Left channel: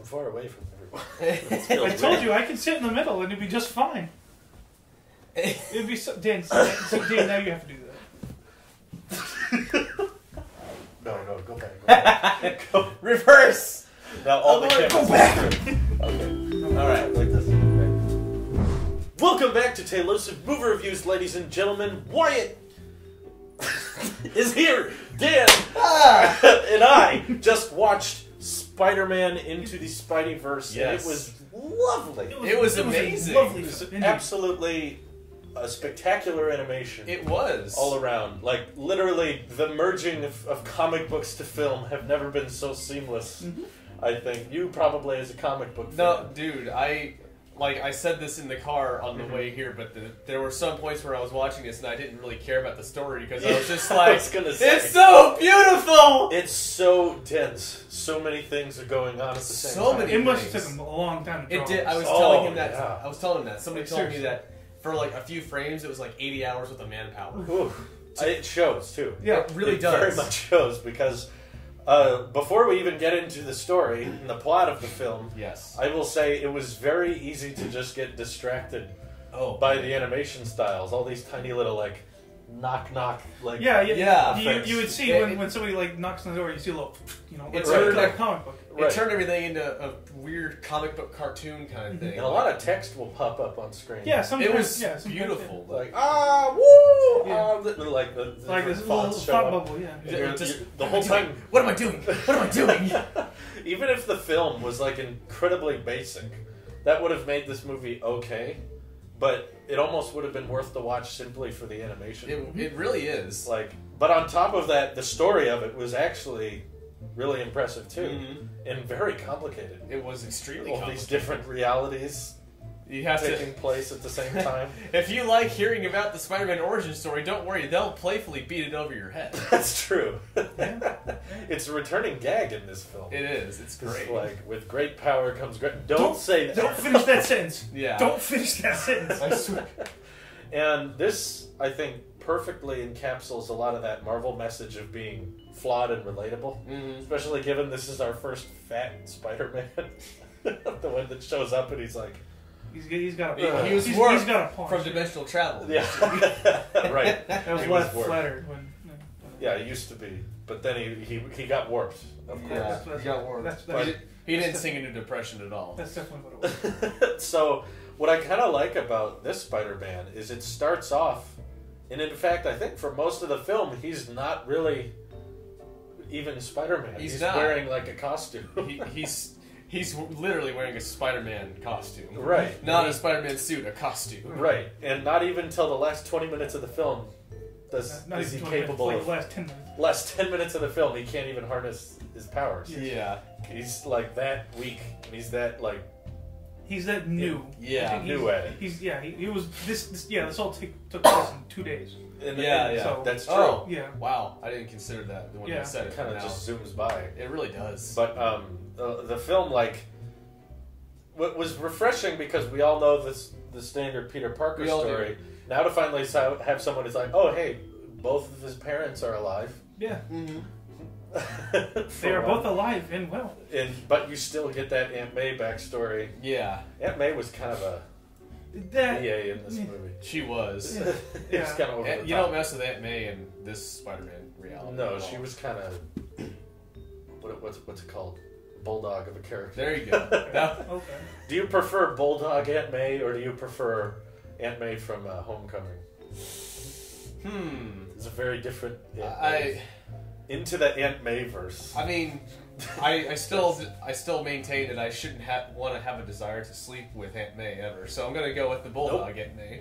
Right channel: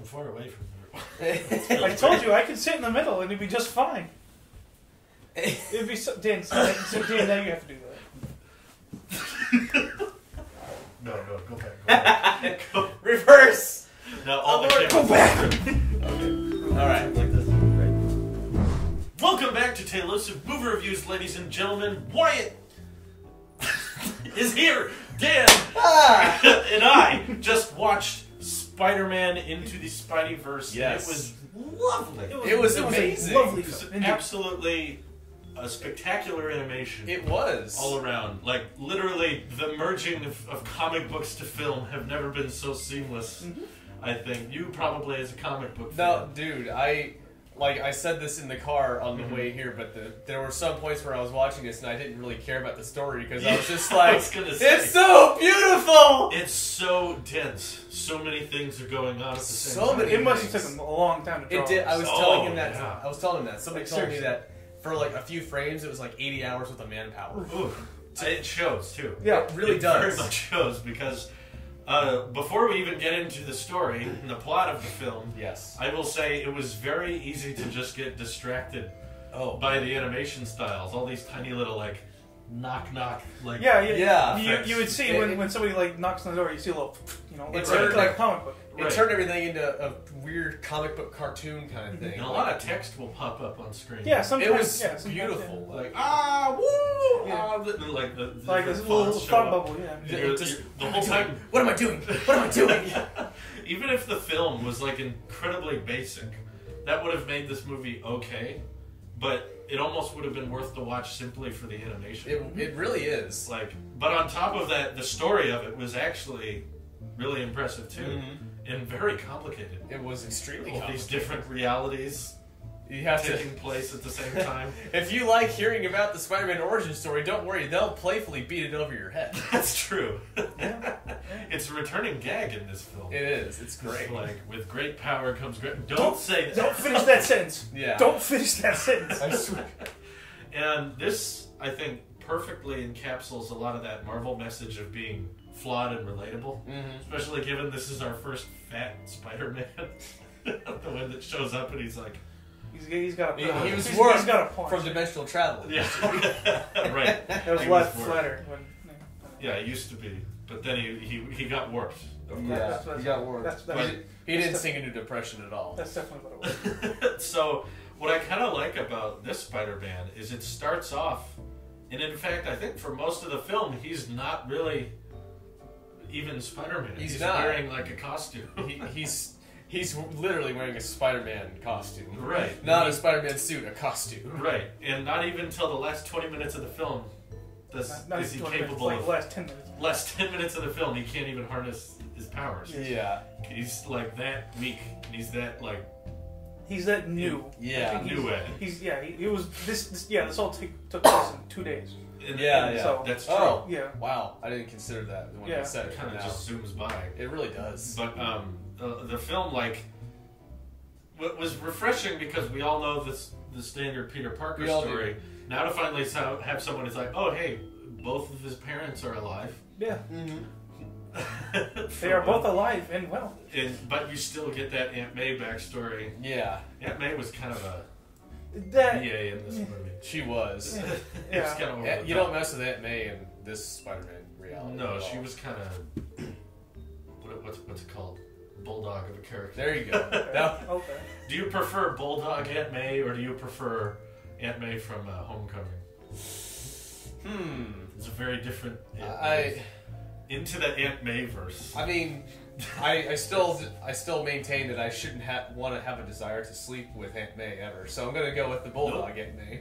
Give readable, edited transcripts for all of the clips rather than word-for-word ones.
I'm far away from everyone. I told you I could sit in the middle and it'd be just fine. It'd be so, Dan, now you have to do that. No, go back. Go. Reverse. Now all the cameras. Go back. Okay. All right, like this. Right. Welcome back to Taylusive Movie Reviews, ladies and gentlemen. Wyatt is here. Dan and I just watched Spider-Man Into the Spideyverse. Yes. And it was lovely. It was amazing. Lovely. It was absolutely a spectacular animation. It was. All around. Like, literally, the merging of comic books to film have never been so seamless, I think. You probably, as a comic book fan. No, dude, I said this in the car on the way here, but there were some points where I was watching this and I didn't really care about the story because I was just like, it's so beautiful! It's so dense. So many things are going on at the same time. many It must have things. taken him a long time to draw. It did. I was Oh, telling him that. yeah. I was telling him that. Somebody Like, told me seriously. that for like a few frames, it was like 80 hours worth of manpower. Ooh. It shows, too. Yeah, It really It does. very much shows, because before we even get into the story and the plot of the film, Yes. I will say it was very easy to just get distracted Oh. by the animation styles. All these tiny little, like, knock, like... Yeah. You would see when somebody like knocks on the door, you see a little, It's like right. a comic book. It Right. turned everything into a weird comic book cartoon kind of thing. And a lot of text will pop up on screen. Yeah, sometimes It was yeah, sometimes, beautiful. Like, woo! Yeah. And like the Like this different little fonts show thought up. bubble, yeah. And you're- Just- you're- the whole time... What am I doing? What am I doing? Even if the film was like incredibly basic, that would have made this movie okay, but it almost would have been worth the watch simply for the animation. It really is. Like, but on top of that, the story of it was actually really impressive too, and very complicated. It was extremely All these complicated. different realities You have to. taking place at the same time. If you like hearing about the Spider-Man origin story, don't worry. They'll playfully beat it over your head. That's true. Yeah. It's a returning gag in this film. It is. It's great. It's like, with great power comes great... Don't say that. Don't finish that sentence. Yeah. Don't finish that sentence. I swear. And this, I think, perfectly encapsulates a lot of that Marvel message of being flawed and relatable. Especially given this is our first fat Spider-Man. The one that shows up and he's like... He's got a He was he's got a point. from dimensional travel. Yeah. Right. That was He less warped. flattered when. Yeah, it used to be. But then he got warped. Of course. Yeah, That's- he got warped. that's- He didn't sink into depression at all. That's definitely what it was. So, what I kind of like about this Spider-Man is it starts off, and in fact, I think for most of the film, he's not really even Spider-Man. He's not. Wearing like a costume. He's literally wearing a Spider-Man costume. Right. Not a Spider-Man suit, a costume. Right, and not even until the last 20 minutes of the film Not is he even 20 capable minutes, of... like last 10 minutes. Last 10 minutes of the film, he can't even harness his powers. Yeah. He's like that weak, and he's that like... He's that new. Yeah. I think New at it. He's he was this all took place in 2 days. Yeah. So- That's true. Oh. Yeah. Wow. I didn't consider that when Yeah. you said It it. kind of now. just zooms by. It really does. But the film, like, what was refreshing because we all know the standard Peter Parker We all story. Now to finally have someone who's like, oh hey, both of his parents are alive. Yeah. They are both alive and well. But you still get that Aunt May backstory. Yeah. Aunt May was kind of a That BA in this movie. She was. Yeah. It was kind of over the You top. don't mess with Aunt May in this Spider-Man reality. No, at she all. was kind of what's it called? Bulldog of a character. There you go. That- okay. Do you prefer Bulldog Aunt May or do you prefer Aunt May from Homecoming? It's a very different Aunt May. Into the Aunt May verse. I mean, I still maintain that I shouldn't want to have a desire to sleep with Aunt May ever. So I'm gonna go with the Bulldog Aunt May.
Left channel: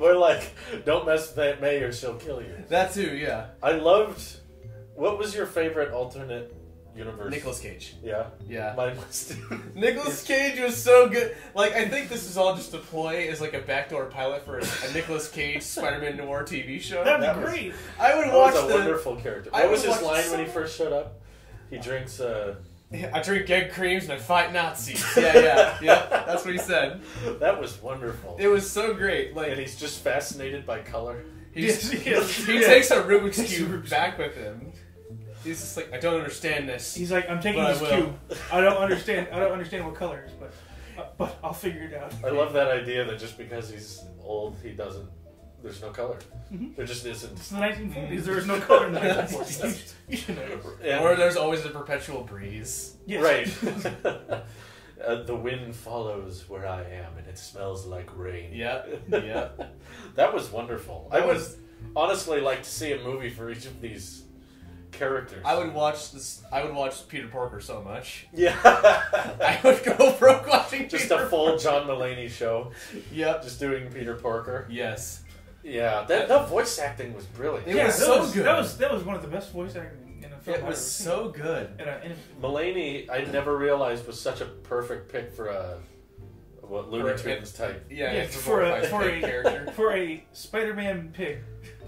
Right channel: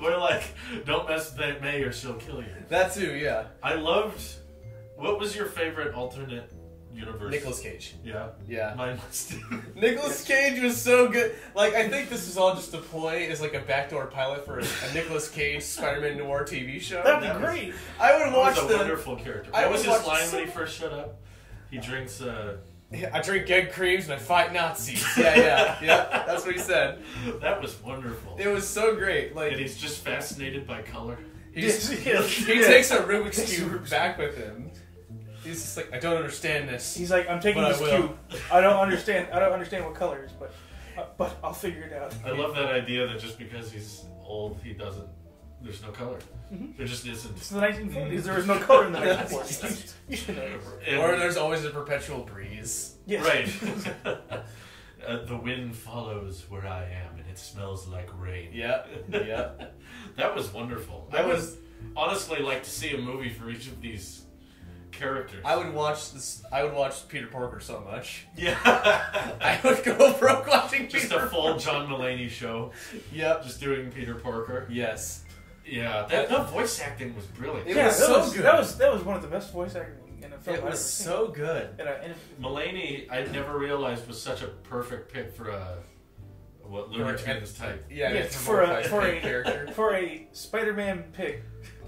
We're like, don't mess with Aunt May or she'll kill you. That too, yeah. I loved. What was your favorite alternate universe? Nicolas Cage. Yeah. Yeah. Mine was too. Nicolas Cage was so good. Like, I think this is all just a ploy as like a backdoor pilot for a Nicolas Cage Spider-Man noir TV show. That'd be That was- great. I would That watch was a the. wonderful character. I What was would his watch line so- when he first showed up? He drinks. I drink egg creams and I fight Nazis. Yeah. That's what he said. That was wonderful. It was so great. Like And he's just fascinated by color. he Yes. takes a Rubik's Cube back with him. He's just like, I don't understand this. He's like, I'm taking But I this will. cube. I don't understand what color it is, but I'll figure it out. I love that idea that just because he's old, he doesn't. There's no color. Mhm. There just isn't. It's the 1940s. There was no color in the 1940s. You know. And- Or there's always a perpetual breeze. Yes. Right. The wind follows where I am, and it smells like rain. Yep. Yep. That was wonderful. I would honestly like to see a movie for each of these characters. I would watch this. I would watch Peter Porker so much. Yeah. I would go broke watching Just Peter a full Porker. John Mulaney show. Yep. Just doing Peter Porker. Yes. Yeah. That voice acting was brilliant. It was so good. That was one of the best voice acting in a film. It was so good. Mulaney, I never realized was such a perfect pick for a Looney Tunes type. Yeah, yes, for a character. For a Spider-Man pick.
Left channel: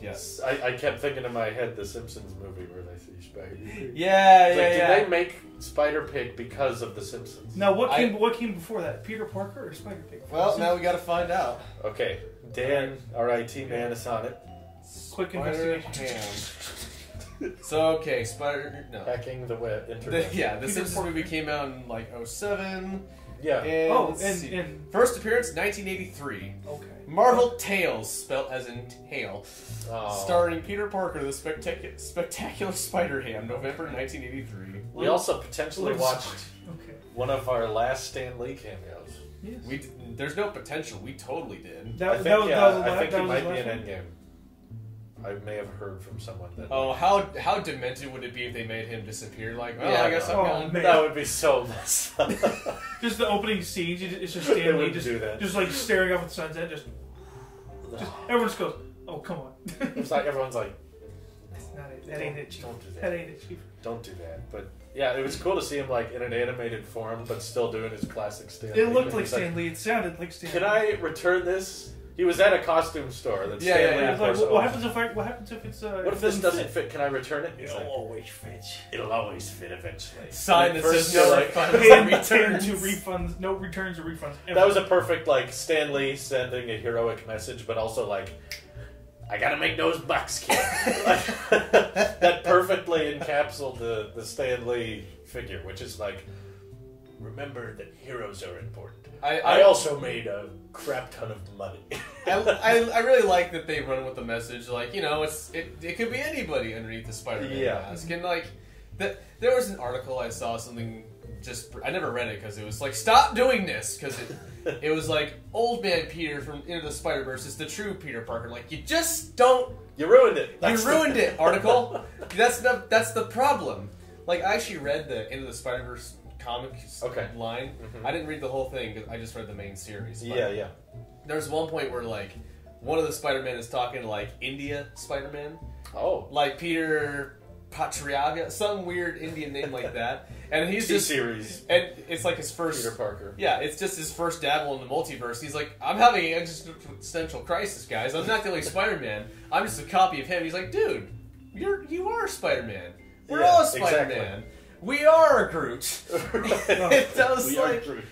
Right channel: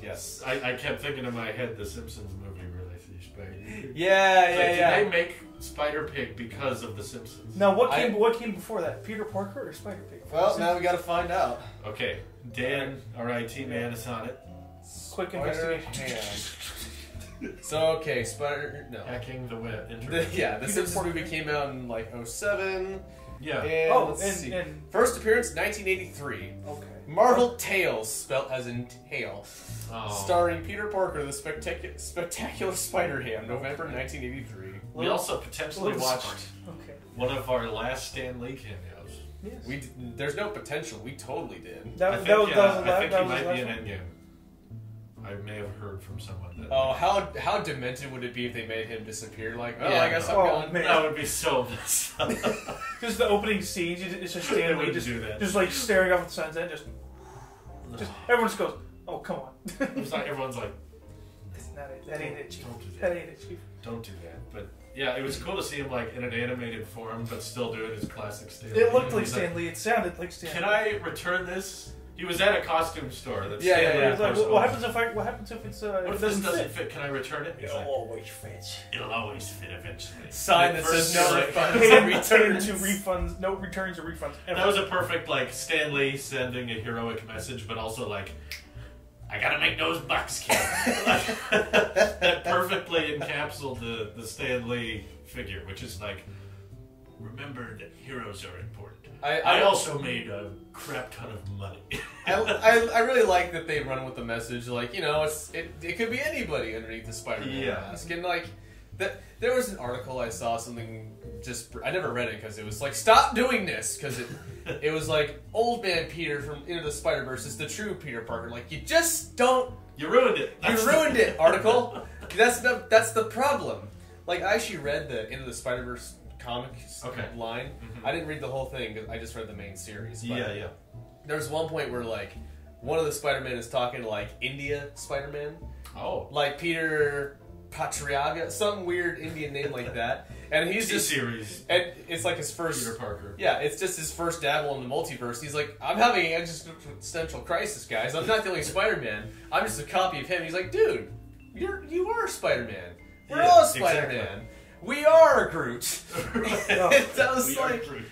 Yes. I kept thinking in my head the Simpsons movie where they see Spider. Yeah, Did they make Spider Pig because of the Simpsons? Now, what came before that? Peter Porker or Spider Pig? Well, now we got to find out. Okay, Dan, RIT man, is on it. Quick Spider investigation. Ham. So okay, Hacking the web. Internet. The Simpsons movie came out in like 2007. Yeah. And, and first appearance 1983. Okay. Marvel Tales, spelt as in tail, Oh. starring Peter Porker, the spectacular Spider-Ham, November 1983. We also potentially watched Okay. one of our last Stan Lee cameos. Yes. There's no potential. We totally did. I think he might be an Endgame. I may have heard from someone that. Oh, how demented would it be if they made him disappear? Like, oh, Yeah, I guess I'm no. gone. Man. That would be so messed up. Just the opening scene. It's just They Stan Lee wouldn't just do that. just like staring up at the sunset. Just everyone just goes, "Oh, come on." It's like everyone's like, That's not it. That ain't it, Chief. Don't do that. That ain't it, Chief. don't do that. But yeah, it was cool to see him like in an animated form, but still doing his classic Stan Lee. It looked like He's Stan Lee. It sounded like Stan. Can Lee. I return this? He was at a costume store. That Yeah, Stan yeah, Lee, yeah. of It was course, like, what owns. happens if it's What if this doesn't fit? Can I return it? He's like, always fit. it'll always fit eventually. Sign And that at says first no you're like- refunds Pay and returns returns. to refunds. No returns or refunds. Ever. That was a perfect like Stan Lee sending a heroic message, but also like, I gotta make those bucks, kid. That perfectly encapsulated the Stan Lee figure, which is like, remember that heroes are important. I also made a crap ton of money. I really like that they run with the message, like, you know, it could be anybody underneath the Spider-Man Yeah. mask. And like, there was an article I saw, something I never read it because it was like, stop doing this, because it was like, old man Peter from Into the Spider-Verse is the true Peter Parker. Like, you just don't. You ruined it. You ruined it, article. That's the problem. Like, I actually read the Into the Spider-Verse comics line. Mm-hmm. I didn't read the whole thing because I just read the main series. But Yeah. there's one point where, like, one of the Spider-Man is talking to, like, India Spider-Man. Oh. Like Peter Patriaga, some weird Indian name like that. And he's just... series. And it's like his first... Peter Parker. Yeah, it's just his first dabble in the multiverse. He's like, I'm having an existential crisis, guys. I'm not the only Spider-Man. I'm just a copy of him. He's like, dude, you are Spider-Man. We're Yeah, all Spider-Man. exactly. We are Groot. That was We are like... Groot.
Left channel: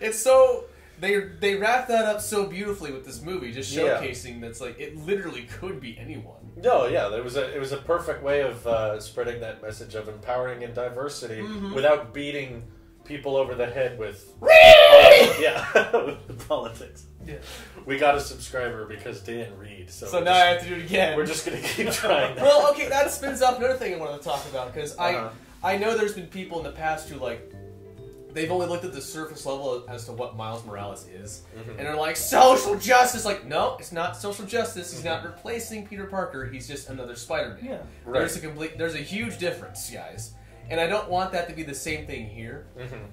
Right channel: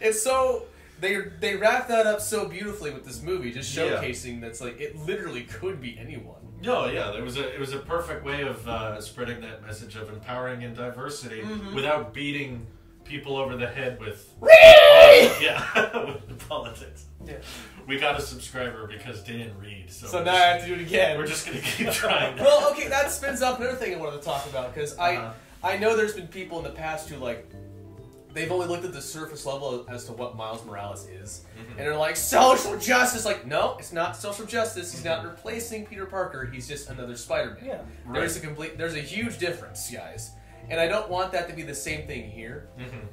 It's so... They wrap that up so beautifully with this movie, just Yeah. showcasing that's like, it literally could be anyone. No, yeah, it was a perfect way of spreading that message of empowering and diversity without beating people over the head with with politics. Yeah. We got a subscriber because Dan read. So Now I have to do it again. we're just gonna keep trying. Well, okay, that spins off another thing I wanted to talk about, because I know there's been people in the past who, like, they've only looked at the surface level as to what Miles Morales is. And they're like, social justice! Like, no, it's not social justice. He's not replacing Peter Parker. He's just another Spider-Man. Yeah. There's a huge difference, guys. And I don't want that to be the same thing here.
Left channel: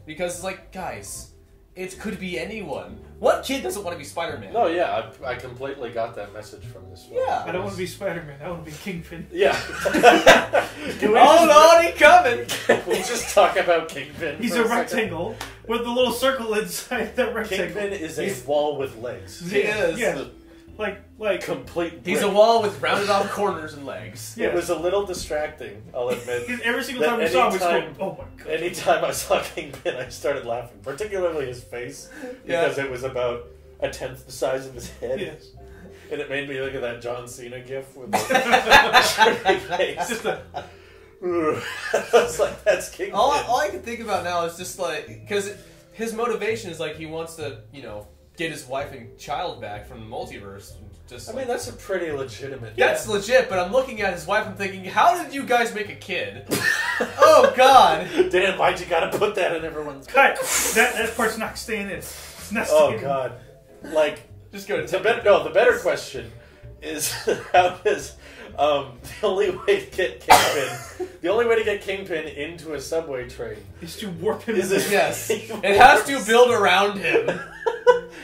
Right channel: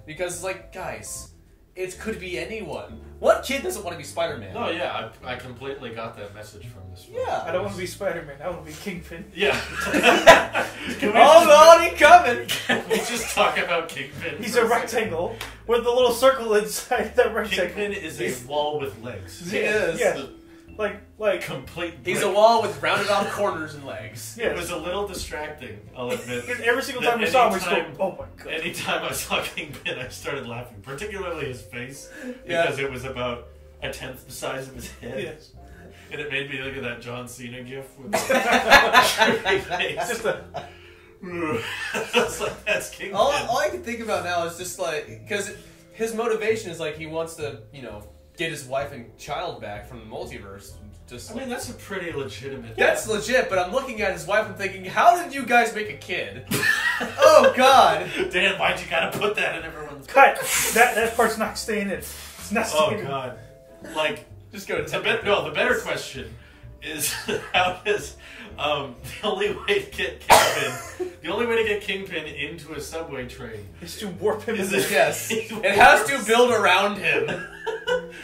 Because it's like, guys, it could be anyone. What kid doesn't want to be Spider-Man? No, yeah, I completely got that message from this film. Yeah. I don't want to be Spider-Man. I want to be Kingpin. Yeah. Oh, Lord, he's coming! We'll just talk about Kingpin. He's for a second. rectangle with the little circle inside that rectangle. Kingpin is a wall with legs. He is. Yeah. Like Complete. He's a brick. wall with rounded off corners and legs. Yeah. It was a little distracting, I'll admit. Because every single That time we saw him, we anytime- go, oh my god. Anytime I saw Kingpin, I started laughing, particularly his face, Yeah. because it was about a tenth the size of his head. Yes. And it made me think of that John Cena gif with the face. It's just a... It's like, that's Kingpin. All I can think about now is just like, because his motivation is like he wants to, get his wife and child back from the multiverse. I mean, that's a pretty legitimate... That's legit, but I'm looking at his wife and thinking, how did you guys make a kid? Oh, God. Dan, why'd you gotta put that in everyone's... Cut! That part's not staying in. It's not staying in. Oh, God. Like, just go to the better question is how does... the only way to get Kingpin into a subway train is to warp him. Yes. It has to build around him.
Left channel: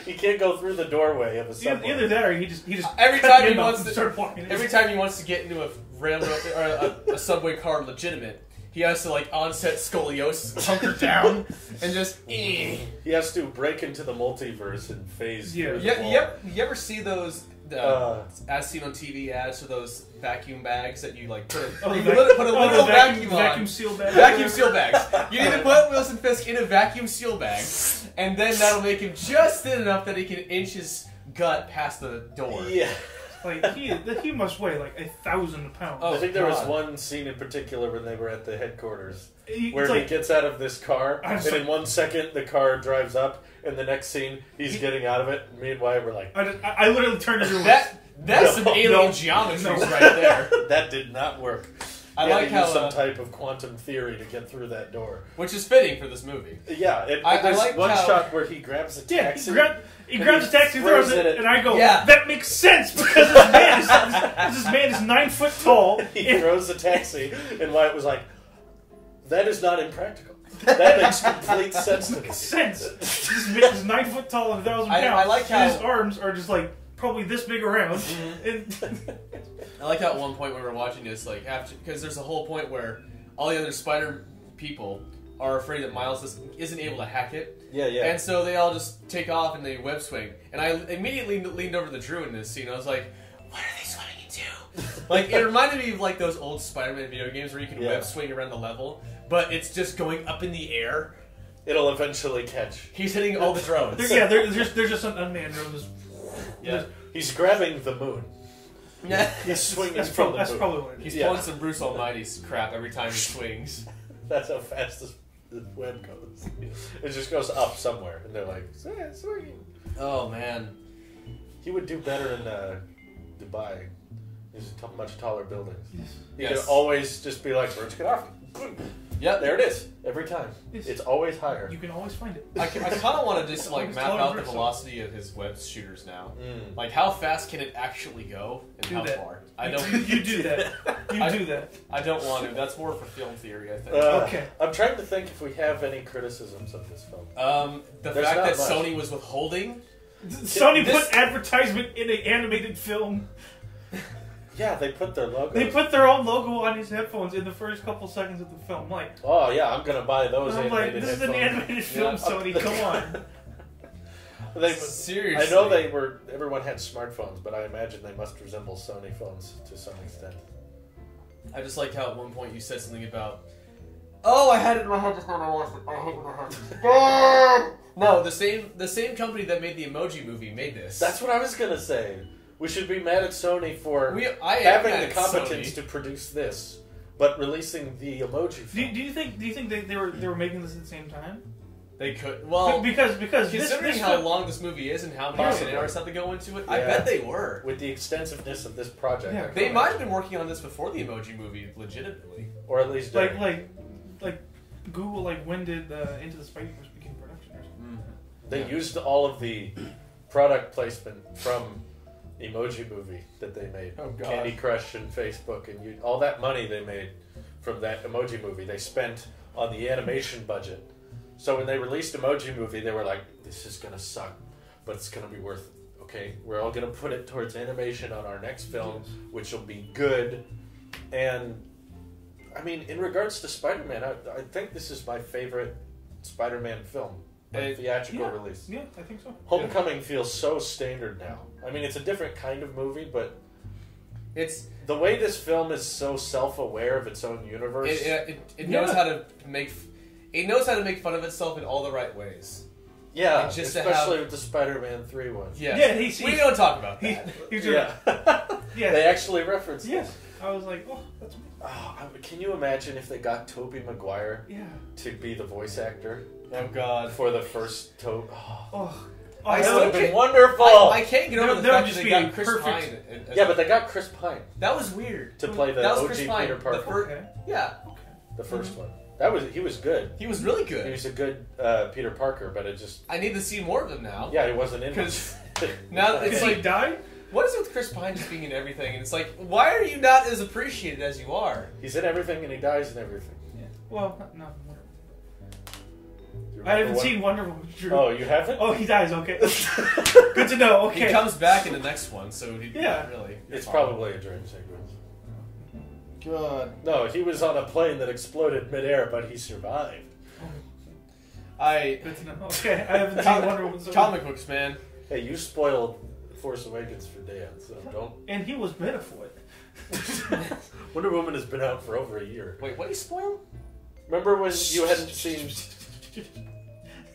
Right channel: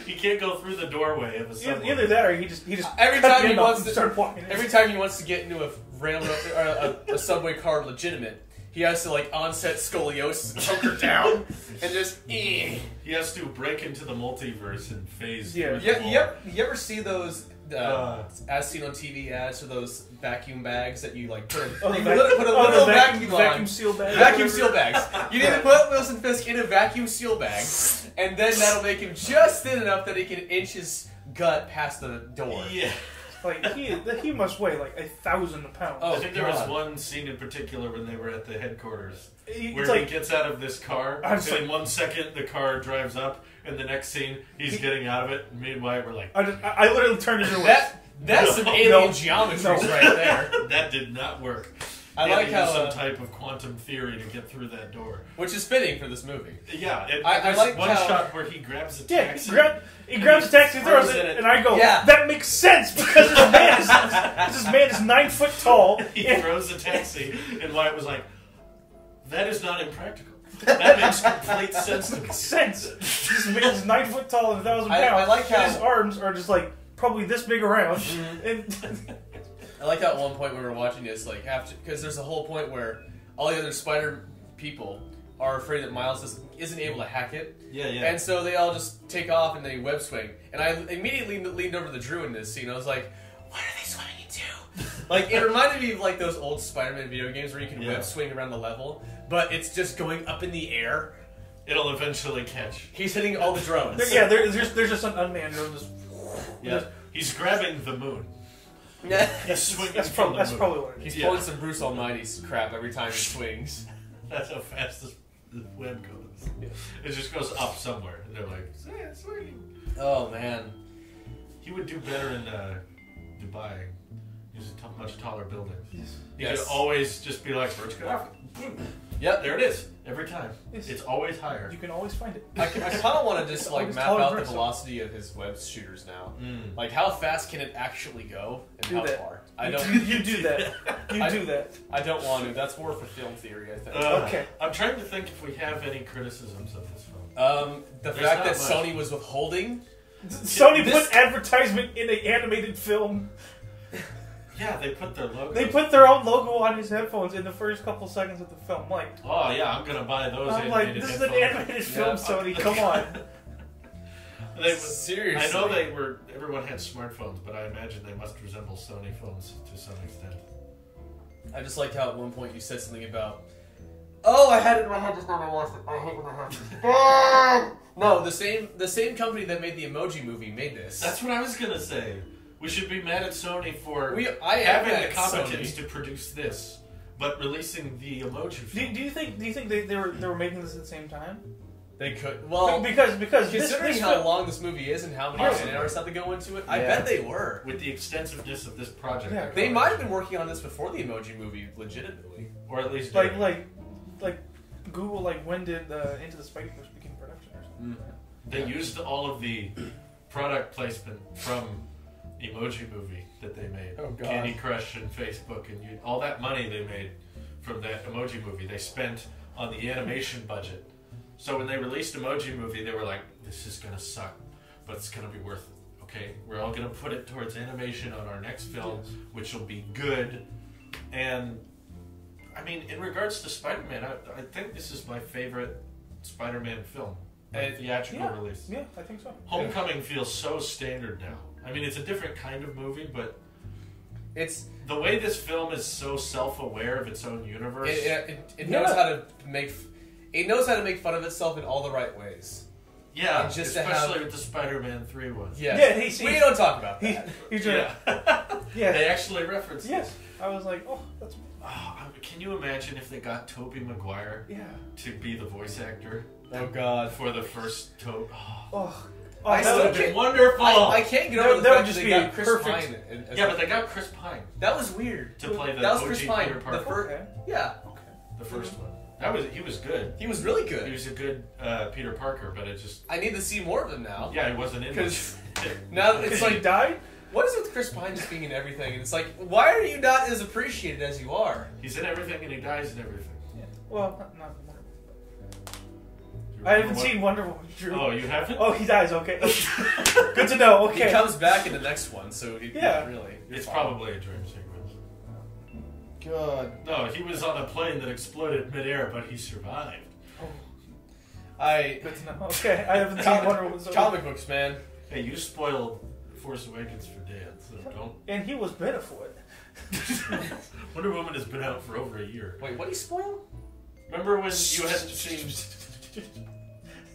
He can't go through the doorway of a subway. Either that, or he just every time he wants to start walking. Every time he wants to get into a railroad or a subway car legitimate, he has to like onset scoliosis, hunker down, and just. He has to break into the multiverse and phase. Yeah. You ever see those? As seen on TV ads for those vacuum bags that you like put a literal vacuum on. Vacuum seal bags. Vacuum seal bags. You need to put Wilson Fisk in a vacuum seal bag, and then that'll make him just thin enough that he can inch his gut past the door. Yeah. Like he must weigh like 1,000 pounds. I think there was one scene in particular when they were at the headquarters where he gets out of this car, and in 1 second the car drives up, and the next scene he's getting out of it. And me and Wyatt were like, I literally turned into that's some alien geometries right there. That did not work. I like how some type of quantum theory to get through that door, which is fitting for this movie. Yeah, I like one shot where he grabs a taxi. He grabs a taxi, throws it, and I go, that makes sense because this man is 9 foot tall. He throws the taxi, and Wyatt was like, that is not impractical. That makes complete sense to me. This man is 9 foot tall and 1,000 pounds. I like how his arms are just like probably this big around. And I like how at one point when we were watching this, like after, because there's a whole point where all the other Spider people are afraid that Miles isn't able to hack it. Yeah. And so they all just take off and they web swing. And I immediately leaned over the Drew in this scene. I was like, what are they swimming into? Like, it reminded me of like those old Spider-Man video games where you can web swing around the level, but it's just going up in the air. It'll eventually catch. He's hitting all the drones. There's just an unmanned drone. He's grabbing the moon. He's swinging that's from probably, the moon. Probably what it is. He's pulling some Bruce Almighty's crap every time he swings. That's how fast the web goes. It just goes up somewhere, and they're like, swinging. Oh, man. He would do better in Dubai. He's much taller buildings. He Yes. could always just be like, let's get off. Boom. Yep. There it is. Every time. Yes. It's always higher. You can always find it. I kind of want to just like map out the Bruce. velocity of his web shooters now. Like, how fast can it actually go, and how far? I don't. You do that. Do that. I don't want to. That's more for film theory, I think. Okay. I'm trying to think if we have any criticisms of this film. The There's fact not that much. Sony was withholding. Sony put advertisement in an animated film. Yeah, they put their logo. They put their own logo on his headphones in the first couple seconds of the film. Like, oh yeah, I'm gonna buy those. I'm like, this is an animated film, Sony. Come on. Seriously, I know they were. Everyone had smartphones, but I imagine they must resemble Sony phones to some extent. I just like how at one point you said something about. Oh, I had it in my head just now. I lost it. I hate it in my head. No, the same company that made the Emoji Movie made this. That's what I was gonna say. We should be mad at Sony for having the competence to produce this, but releasing the Emoji film. Do you think they were making this at the same time? They could. Well, because considering this how long this movie is and how many scenarios have to go into it, I bet they were. With the extensiveness of this project, they might have been working on this before the Emoji Movie, legitimately, or at least like Google. Like, when did Into the Spider-Verse begin production or something? They used all of the product placement from Emoji Movie that they made. Oh, God. Candy Crush and Facebook and all that money they made from that Emoji Movie they spent on the animation budget. So when they released Emoji Movie, they were like, this is gonna suck, but it's gonna be worth it. Okay, we're all gonna put it towards animation on our next film, which will be good. And I mean, in regards to Spider-Man, I think this is my favorite Spider-Man film. Theatrical release. Yeah, I think so. Homecoming feels so standard now. I mean, it's a different kind of movie, but it's the way this film is so self-aware of its own universe. It knows how to make. It knows how to make fun of itself in all the right ways. Yeah, and just especially with the Spider-Man 3 one. Yeah, we don't talk about that. Yeah, they actually reference. Yes, I was like, oh, that's. Can you imagine if they got Tobey Maguire to be the voice actor? Oh God! For the first Toby. That would have been wonderful. I can't get over the fact that they got Chris perfect. Pine. Yeah, but they got Chris Pine. That was weird. To play the that was OG Chris Pine. Peter Parker. The first one. He was good. He was really good. He was a good Peter Parker, but it just... I need to see more of him now. Yeah, he wasn't in it. Because now it's like... died? What is it with Chris Pine just being in everything? And it's like, why are you not as appreciated as you are? He's in everything and he dies in everything. Yeah. Well, not I haven't seen Wonder Woman. Drew. Oh, you haven't? Oh, he dies. Okay. Good to know. Okay. He comes back in the next one, so really. It's probably a dream sequence. God. No, he was on a plane that exploded midair, but he survived. Good to know. Okay, I haven't seen Wonder Woman. So comic books, man. Hey, you spoiled Force Awakens for Dan, so don't. And he was better for it. Wonder Woman has been out for over a year. Wait, what did he spoil? Remember when you hadn't seen?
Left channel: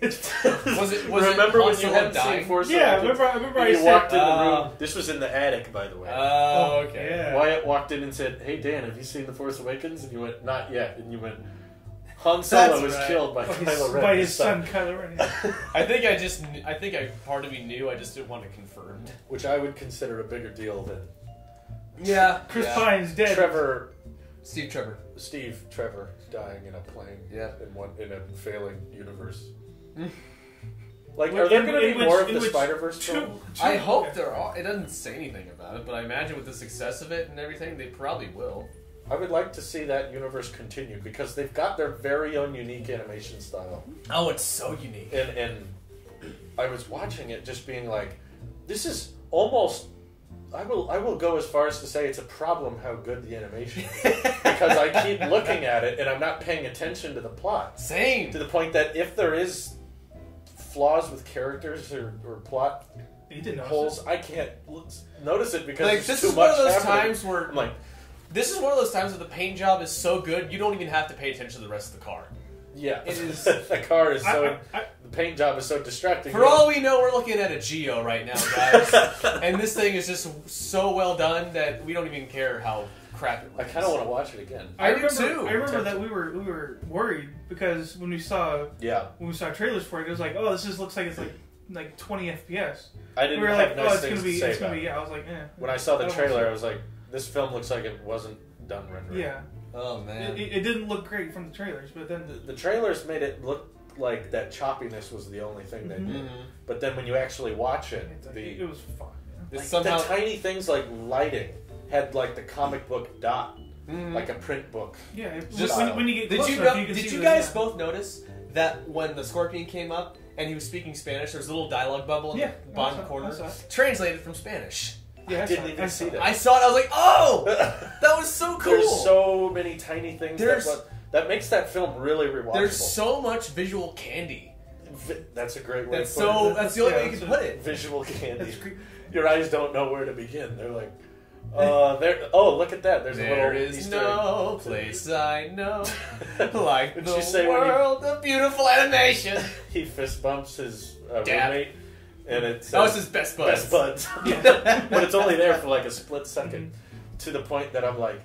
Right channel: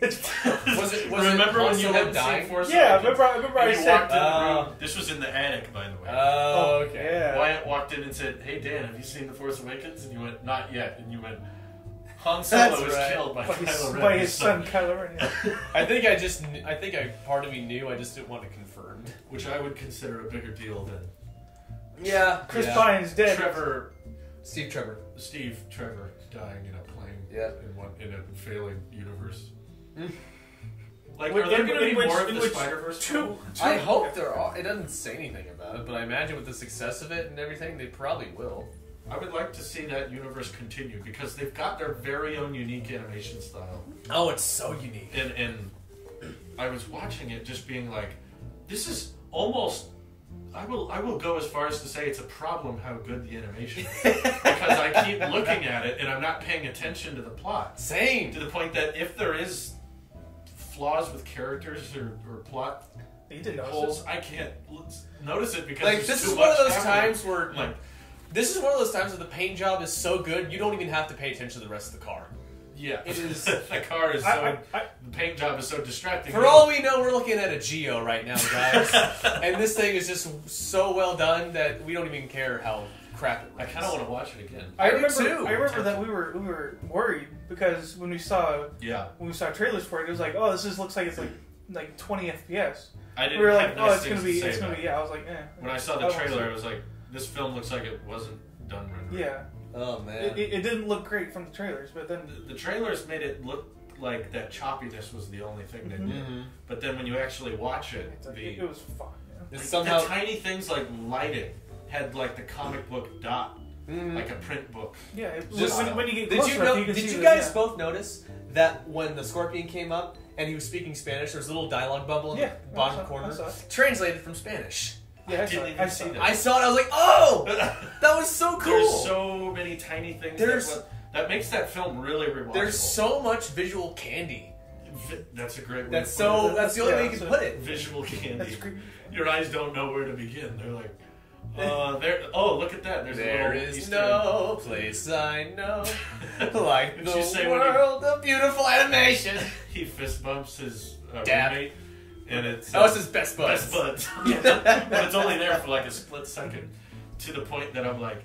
Remember when you had seen Force Awakens? Yeah, remember I said. Walked in the room. This was in the attic, by the way. Oh, okay. Yeah. Wyatt walked in and said, "Hey Dan, have you seen The Force Awakens?" And you went, "Not yet." And you went, "Han Solo was killed by Kylo Ren." By his son Kylo Ren. Yeah. I think part of me knew. I just didn't want it confirmed, which I would consider a bigger deal than. Yeah, Chris Pine's dead. Steve Trevor dying in a plane. Yeah, in a failing universe. Like, are there going to be more of the Spider-Verse film? I hope there are. It doesn't say anything about it, but I imagine with the success of it and everything, they probably will. I would like to see that universe continue because they've got their very own unique animation style. Oh, it's so unique. And I was watching it just being like, this is almost... I will go as far as to say it's a problem how good the animation is. Because I keep looking at it and I'm not paying attention to the plot. Same. To the point that if there is flaws with characters or plot holes, I can't notice it because like, this is one of those times where I'm like, this is one of those times where the paint job is so good you don't even have to pay attention to the rest of the car. Yeah, it is. The car is the paint job is so distracting. For all we know, we're looking at a Geo right now, guys, and this thing is just so well done that we don't even care how crap it looks. I kind of want to watch it again. I do too. I remember that we were worried because when we saw trailers for it, it was like, oh, looks like it's like 20 FPS. I didn't. We were like, nice it's gonna be. Yeah, I was like, When I saw the trailer, I was like, this film looks like it wasn't done rendering. Yeah. Oh man, it didn't look great from the trailers, but then the trailers made it look like that choppiness was the only thing they did. Mm-hmm. But then when you actually watch it, it was fun. You know? Somehow the tiny things like lighting had like the comic book dot, like a print book. Yeah, when you get closer, did you guys both notice that when the Scorpion came up and he was speaking Spanish, there was a little dialogue bubble in the bottom corner, translated from Spanish. Yeah, I didn't even see that. I saw it. I was like, "Oh, that was so cool." There's so many tiny things that makes that film really rewatchable. There's so much visual candy. That's a great way. That's the only way you can put it. Visual candy. Your eyes don't know where to begin. They're like, oh, look at that. There is no place I know like the world of beautiful animation. He fist bumps his roommate. And it's his best buds. Best buds. But it's only there for like a split second. To the point that I'm like,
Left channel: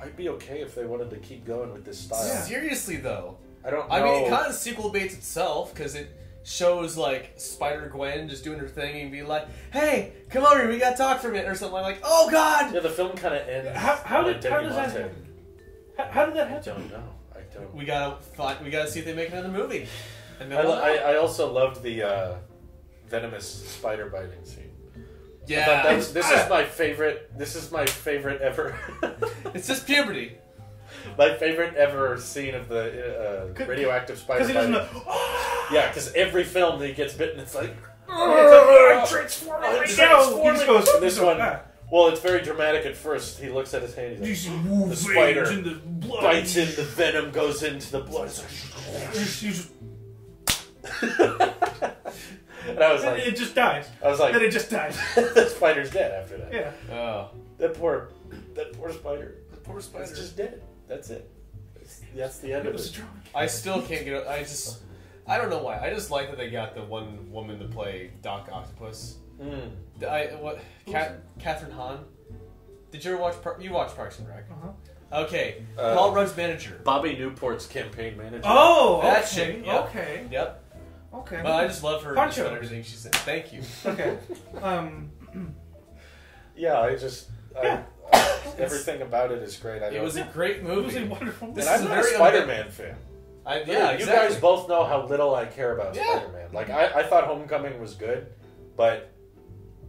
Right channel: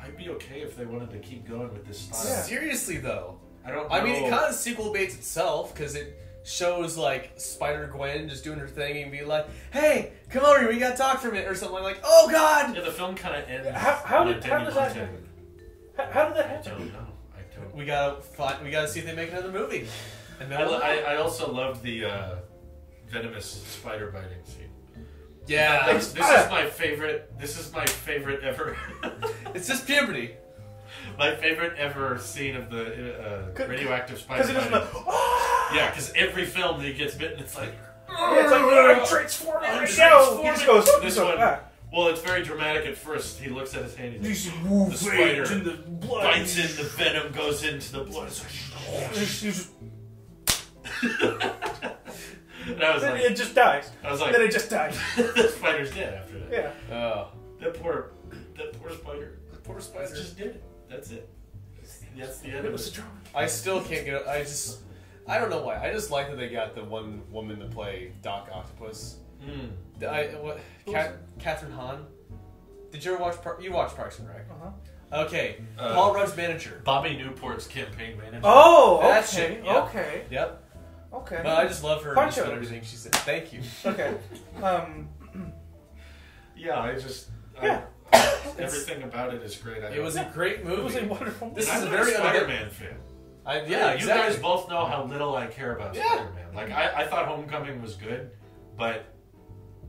I'd be okay if they wanted to keep going with this style. Yeah. Seriously though. I don't know. I mean, it kind of sequel baits itself because it shows like Spider-Gwen just doing her thing and be like, "Hey, come over here, we gotta talk for a minute," or something like, "Oh God!" Yeah, the film kind of ends. How did that happen? How did that happen? I don't know. I don't. We gotta see if they make another movie. And I also loved the venomous spider biting scene. Yeah, this is my favorite. This is my favorite ever. It's just puberty. My favorite ever scene of the radioactive spider. Because he doesn't. Yeah, because every film he gets bitten, it's like. I'm transforming right now. He just goes. This one. Well, it's very dramatic at first. He looks at his hand. He's like, the spider in the blood. Bites in, the venom goes into the blood. And I was like, it just dies. I was like, then it just dies. The spider's dead after that. Yeah. Oh, that poor spider. That poor spider's just dead. That's it. That's the end of it. I still can't get. I don't know why. I just like that they got the one woman to play Doc Octopus. Catherine Hahn. Did you ever watch? You watched Parks and Rec? Okay, Paul Rudd's manager. Bobby Newport's campaign manager. Oh, That okay, shit, yep. okay, Yep. okay. But I just love her Punch just about him. everything she said. Thank you. Okay. Yeah, Yeah. Everything about it is great. It was a great movie. It was a wonderful movie. This And is I'm a not very Spider-Man fan. Yeah, You exactly. guys both know how little I care about Yeah. Spider-Man. Like, I thought Homecoming was good, but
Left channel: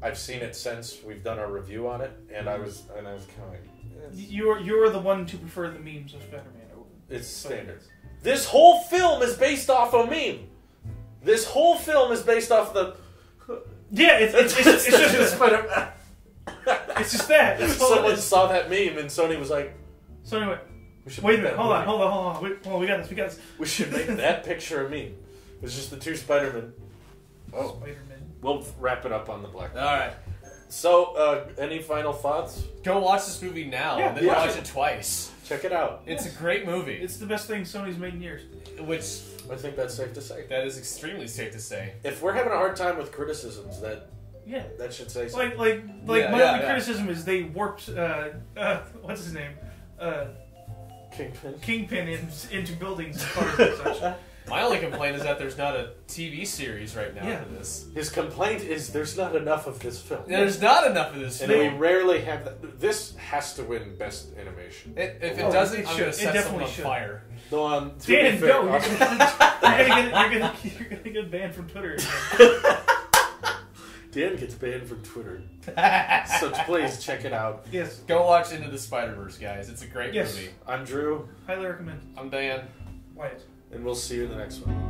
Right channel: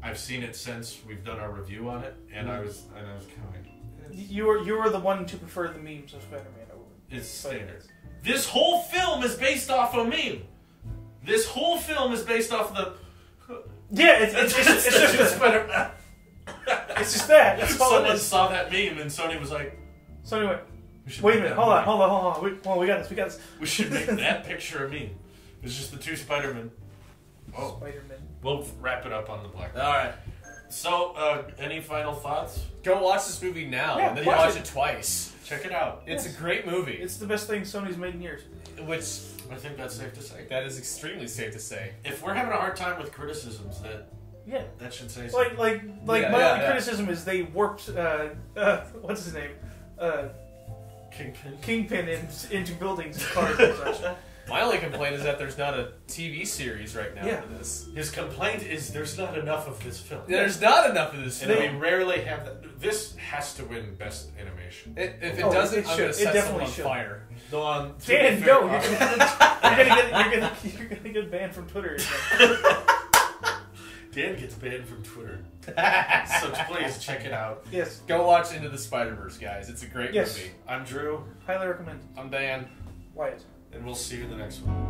I've seen it since we've done our review on it, and I was kind of like, You were the one to prefer the memes of Spider-Man over. it's standard. This whole film is based off a meme. This whole film is based off the. Yeah, it's just Spider. it's just that. That's all it Someone is. saw that meme and Sony was like, So anyway, we should wait a make minute. that Hold movie. on. We got this. We should make that picture a meme. It's just the two Spider-Men. Oh, Spider-Man. we'll wrap it up on the black. All right. So, any final thoughts? Go watch this movie now, Yeah, and then watch watch it. it twice. Check it out. It's a great movie. It's the best thing Sony's made in years. Which, I think that's safe to say. that is extremely safe to say. If we're having a hard time with criticisms, Yeah. that should say something. Like Yeah, my yeah, only yeah. criticism is they warped what's his name? Kingpin into buildings and cars and such. My only complaint is that there's not a TV series right now Yeah. for this. His complaint is there's not enough of this film. There's not enough of this And film. we rarely have that. This has to win Best Animation. If it Oh, doesn't, it I'm should. going It to set someone definitely on should. fire. No, on to Dan, be fair, no, you're gonna get banned from Twitter again. Dan gets banned from Twitter. So please check it out. Yes, Go watch Into the Spider-Verse, guys. It's a great Yes. movie. I'm Drew, highly recommend. I'm Dan. Wyatt. and we'll see you in the next one.